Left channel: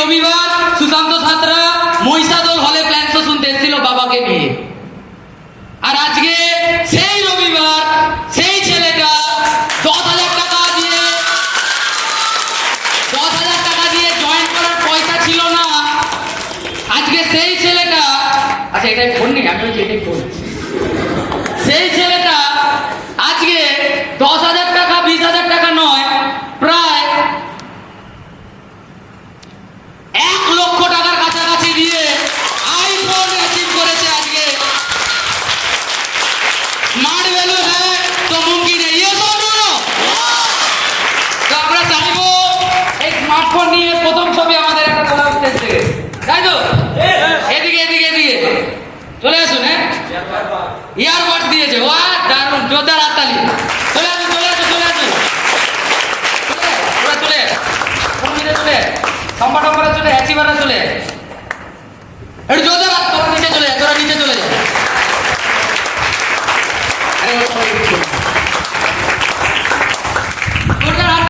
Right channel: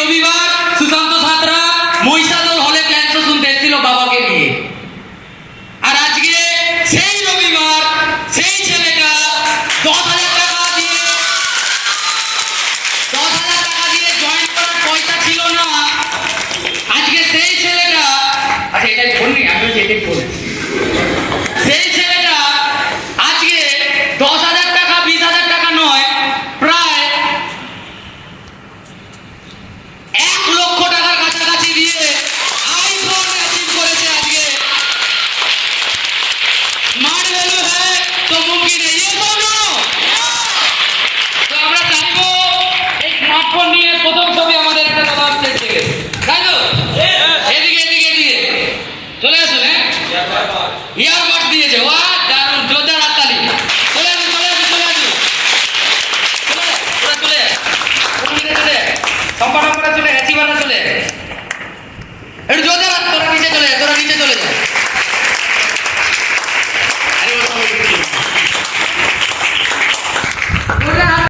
রবিবার সুশান্ত সাঁতরা মহিষাদল হলে plan show শুনতে এসেছিল বাবাকে নিয়ে। আর আজকে সেই রবিবার সেই ছেলেটা 10,000 টাকা দিয়ে জয়েন করার পয়সা ছিল না। আজকে সেই ছেলেটা এটাই বলবি আমি এটাই বলছি, সেই ছেলেটা আজকে 10,000 টাকা 20,000 টাকা নয়, প্রায় 1 লক্ষ টাকার কাছাকাছি দিয়ে আইফোন অ্যাচিভ করেছে। আজকে মার ভ্যালু হয় তো মুমকিন है, ये बोलो তো আমরা থাকবো এই স্মার্টফোন নিয়ে প্রথম ছবি আমাদের একটা দাদা স্টেজ থেকে, তাই তো? এদিকে এদিকে এদিকে চলে আসুন। হ্যাঁ, ইয়ারবাড দিয়েছে, ওয়া দারুণ, জোরদার হাততালি। চলে আসুন চলে আসুন চলে আসুন চলে সম্পাদক করে চলে অ্যাচিভাররা চলে একটু জোরদার হাত, তোরা নিচে চলে যা, তোরা নিচে চলে যা।